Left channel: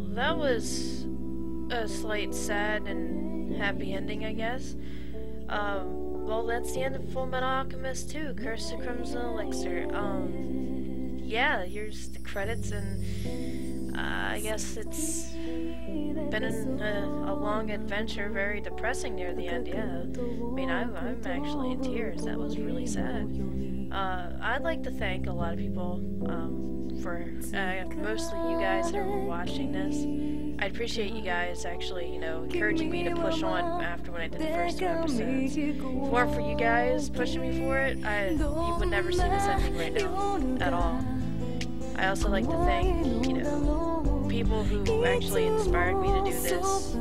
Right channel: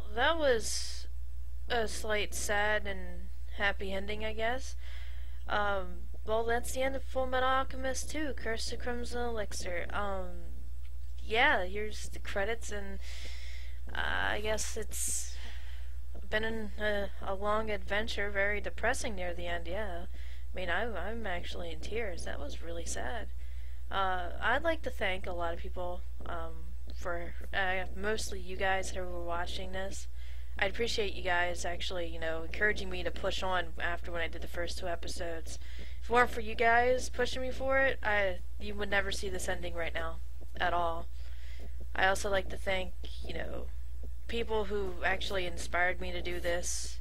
Well, that was a slight sad and happy ending, I guess. Well, that's the end of Full Metal Alchemist 2, Curse of Crimson Elixir. Yeah, here's the credits, and I guess it's been a long adventure, very depressing near the end, yeah. I mean, I'm actually in tears. That was really sad. I'd like to thank a lot of people, for, mostly you guys who were watching this. I'd appreciate you guys actually, encouraging me to push on after when I did the first 2 episodes. If it weren't for you guys pushing me for it, you would never see this ending right now, at all. I also like to thank, people who actually inspired me to do this.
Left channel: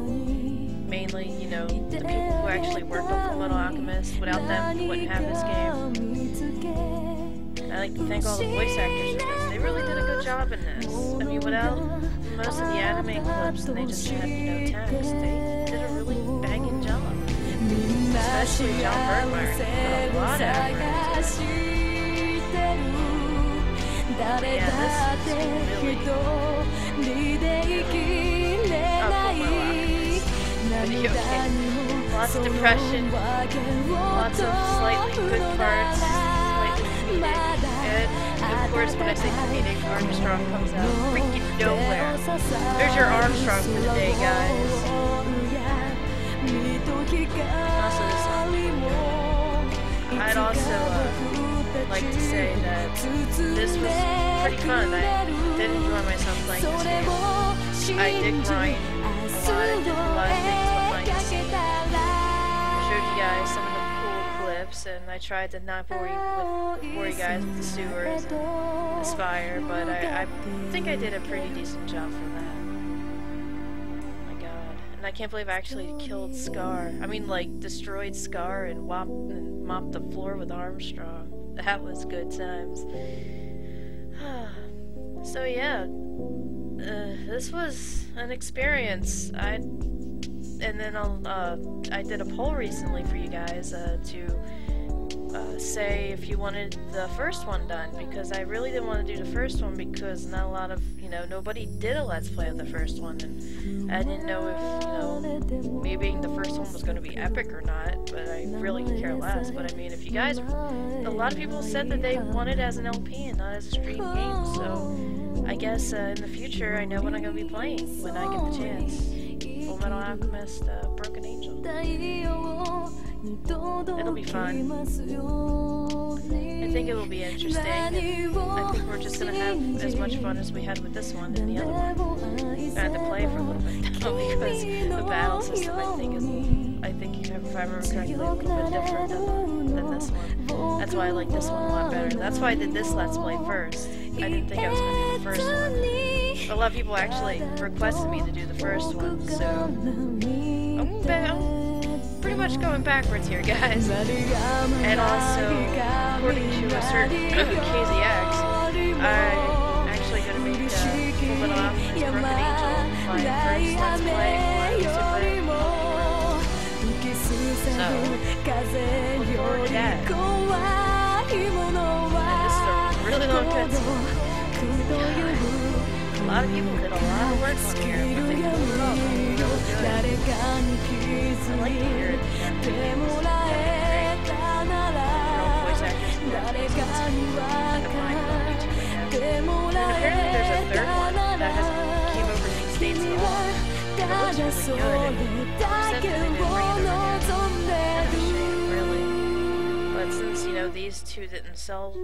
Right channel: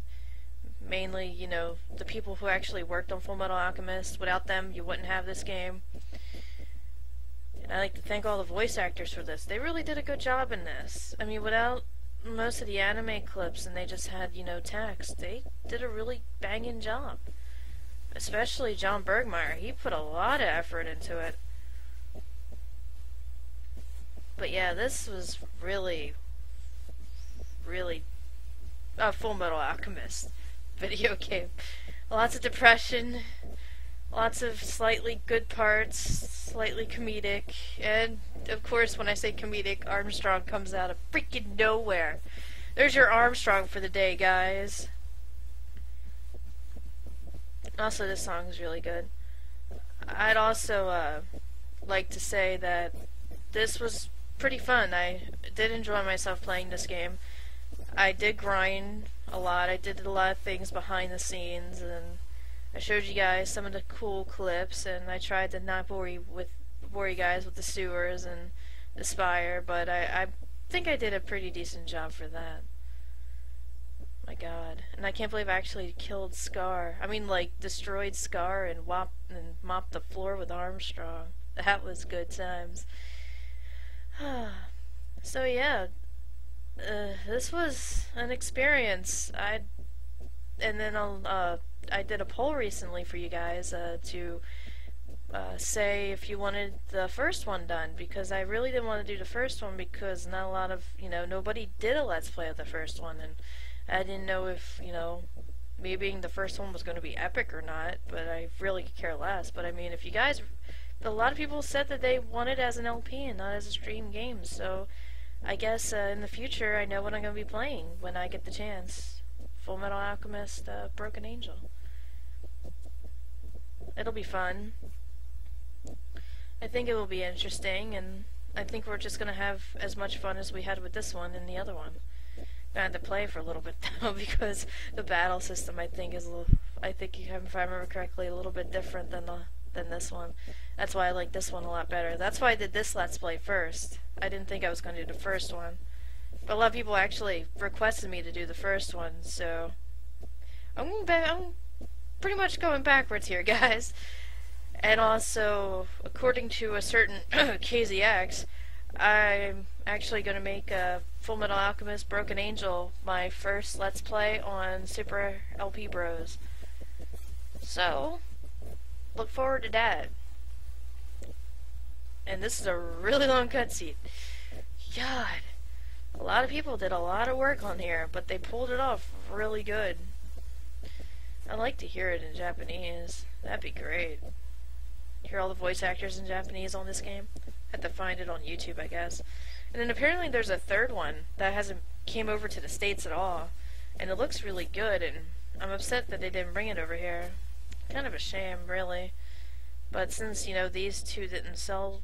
Mainly, the people who actually worked on Full Metal Alchemist. Without them, you wouldn't have this game. And I'd like to thank all the voice actors for this. They really did a good job in this. I mean, without most of the anime clips and they just had, text, they did a really banging job. Especially John Bergmeyer. He put a lot of effort into it. But yeah, this is really a Full Metal Alchemist video game. Lots of depression, lots of slightly good parts, slightly comedic, and of course when I say comedic, Armstrong comes out of freaking nowhere. There's your Armstrong for the day, guys. Also, this song is really good. I'd also like to say that this was pretty fun. I did enjoy myself playing this game. I did grind a lot. I did a lot of things behind the scenes. I showed you guys some of the cool clips, and I tried to not bore you guys with the sewers and the spire, but I think I did a pretty decent job for that. My god. And I can't believe I actually killed Scar. I mean, like, destroyed Scar and mopped the floor with Armstrong. That was good times. So yeah, this was an experience. I did a poll recently for you guys to say if you wanted the first one done, because I really didn't want to do the first one because not a lot of, nobody did a Let's Play of the first one, and I didn't know if, me being the first one was going to be epic or not, but I really could care less. But I mean, if you guys, a lot of people said that they want it as an LP and not as a stream game, so I guess in the future I know what I'm going to be playing when I get the chance. Full Metal Alchemist, Broken Angel. It'll be fun. I think it will be interesting, and I think we're just gonna have as much fun as we had with this one and the other one. I had to play for a little bit though, because the battle system I think, if I remember correctly, a little bit different than this one. That's why I like this one a lot better. That's why I did this Let's Play first. I didn't think I was gonna do the first one. But a lot of people actually requested me to do the first one, so I'm pretty much going backwards here, guys. And also, according to a certain KZX, I'm actually going to make Full Metal Alchemist Broken Angel my first Let's Play on Super LP Bros. So, look forward to that. And this is a really long cutscene. God. A lot of people did a lot of work on here, but they pulled it off really good. I'd like to hear it in Japanese. That'd be great. Hear all the voice actors in Japanese on this game. I have to find it on YouTube, I guess. And then apparently there's a third one that hasn't came over to the States at all. And it looks really good, and I'm upset that they didn't bring it over here. Kind of a shame, really. But since, these two didn't sell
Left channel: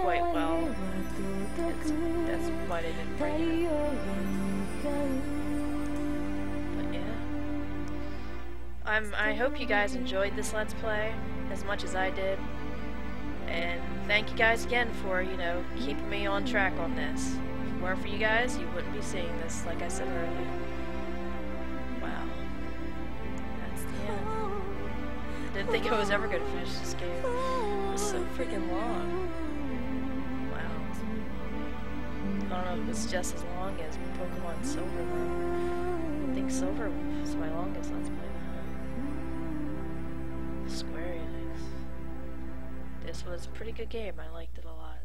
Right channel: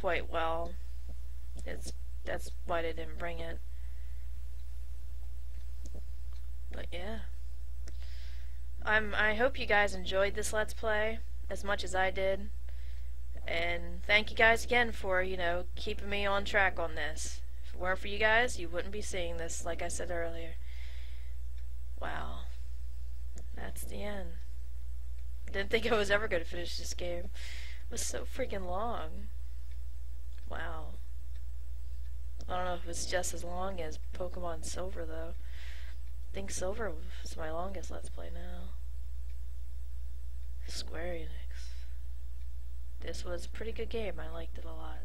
quite well, that's why they didn't bring it. But yeah. I hope you guys enjoyed this Let's Play as much as I did. And thank you guys again for, keeping me on track on this. If it weren't for you guys, you wouldn't be seeing this, like I said earlier. Wow. That's the end. Didn't think I was ever going to finish this game. It was so freaking long. Wow. I don't know if it's just as long as Pokemon Silver, though. I think Silver was my longest Let's Play now. Square Enix. This was a pretty good game. I liked it a lot.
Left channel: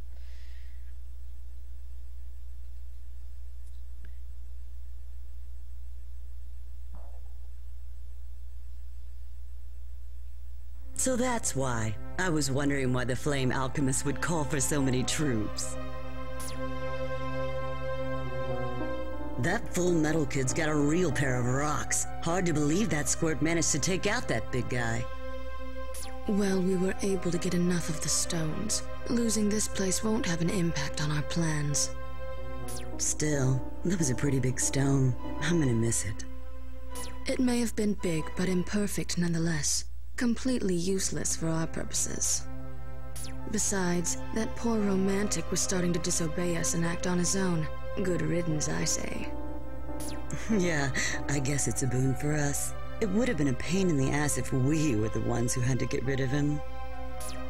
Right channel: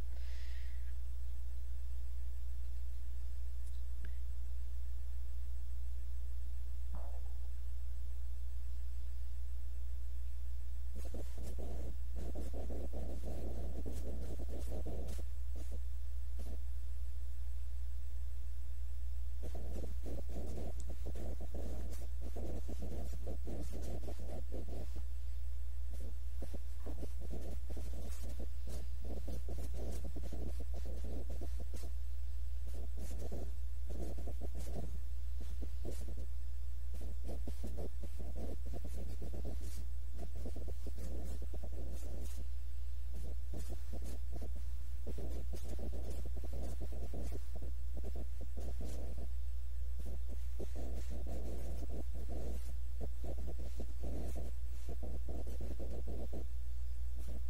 So that's why. I was wondering why the Flame Alchemist would call for so many troops. That Full Metal kid's got a real pair of rocks. Hard to believe that squirt managed to take out that big guy. Well, we were able to get enough of the stones. Losing this place won't have an impact on our plans. Still, that was a pretty big stone. I'm gonna miss it. It may have been big, but imperfect nonetheless. Completely useless for our purposes. Besides, that poor romantic was starting to disobey us and act on his own. Good riddance, I say. Yeah, I guess it's a boon for us. It would have been a pain in the ass if we were the ones who had to get rid of him.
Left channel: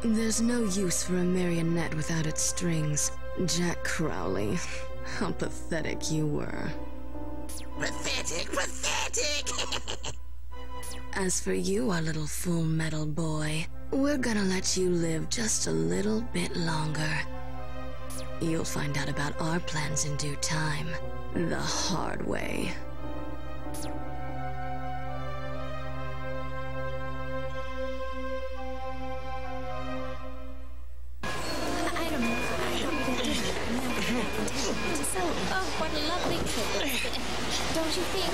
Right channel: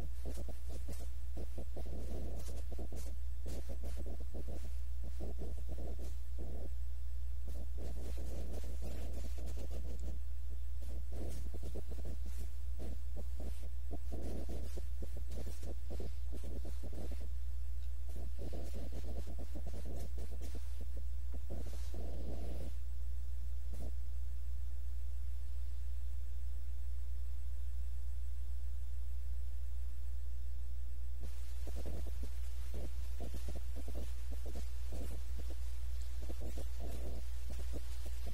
There's no use for a marionette without its strings. Jack Crowley, how pathetic you were. Pathetic, pathetic! As for you, our little Full Metal boy, we're gonna let you live just a little bit longer. You'll find out about our plans in due time. The hard way. Oh, what a lovely trip. Don't you think?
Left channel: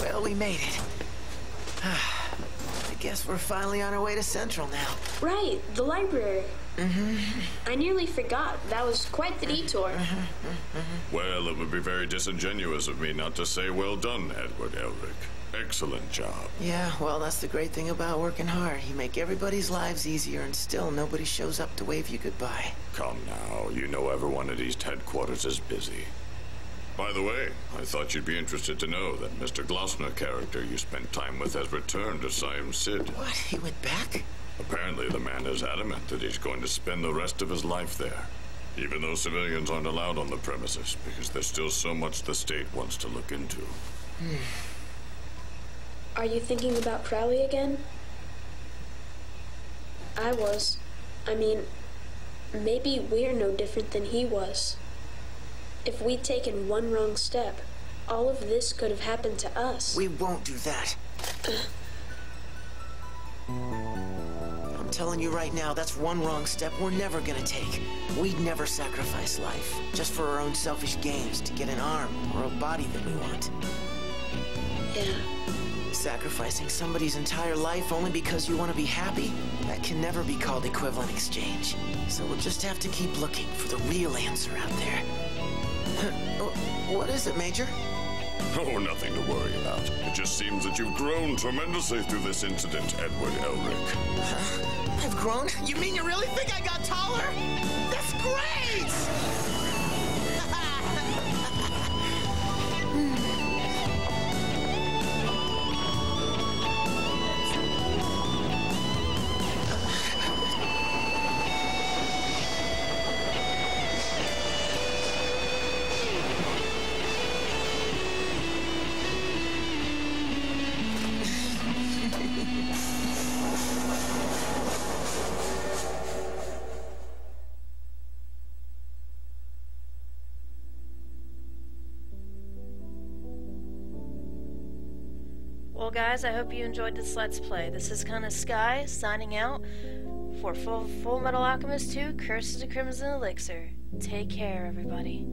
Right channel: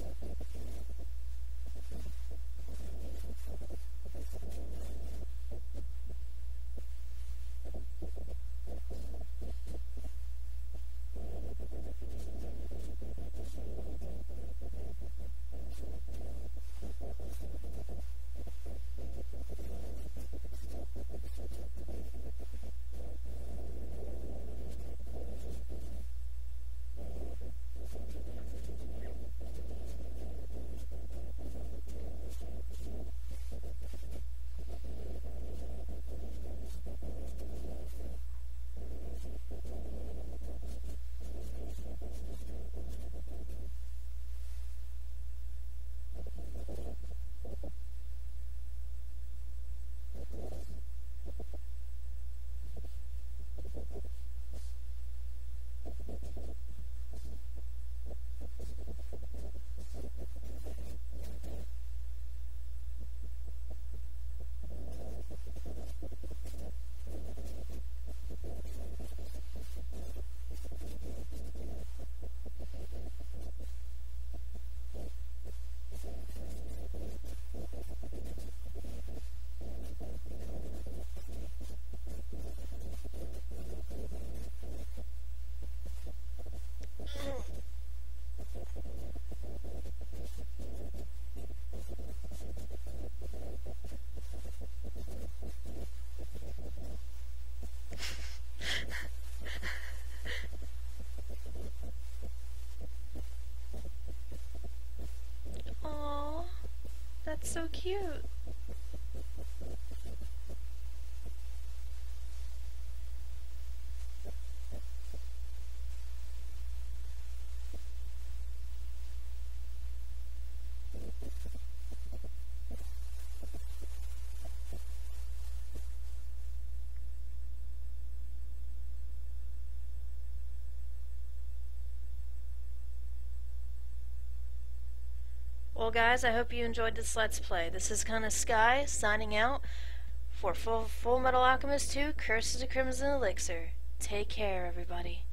Well, we made it. I guess we're finally on our way to Central now. Right, the library. I nearly forgot. That was quite the detour. Well, it would be very disingenuous of me not to say well done, Edward Elric. Excellent job. Yeah, well, that's the great thing about working hard. You make everybody's lives easier, and still nobody shows up to wave you goodbye. Come now, you know everyone at East Headquarters is busy. By the way, I thought you'd be interested to know that Mr. Glossner character you spent time with has returned to Siam Sid. What? He went back? Apparently the man is adamant that he's going to spend the rest of his life there. Even though civilians aren't allowed on the premises, because there's still so much the state wants to look into. Are you thinking about Crowley again? I was. I mean, maybe we're no different than he was. If we'd taken one wrong step, all of this could have happened to us. We won't do that. I'm telling you right now, that's one wrong step we're never gonna take. We'd never sacrifice life, just for our own selfish gains, to get an arm or a body that we want. Yeah. Sacrificing somebody's entire life only because you want to be happy? That can never be called equivalent exchange. So we'll just have to keep looking for the real answer out there. What is it, Major? Oh, nothing to worry about. It just seems that you've grown tremendously through this incident, Edward Elric. Huh? I've grown? You mean you really think I got taller? That's great! That's so cute. Well guys, I hope you enjoyed this Let's Play. This is CanisSkye signing out for Full Metal Alchemist 2 Curse of the Crimson Elixir. Take care, everybody.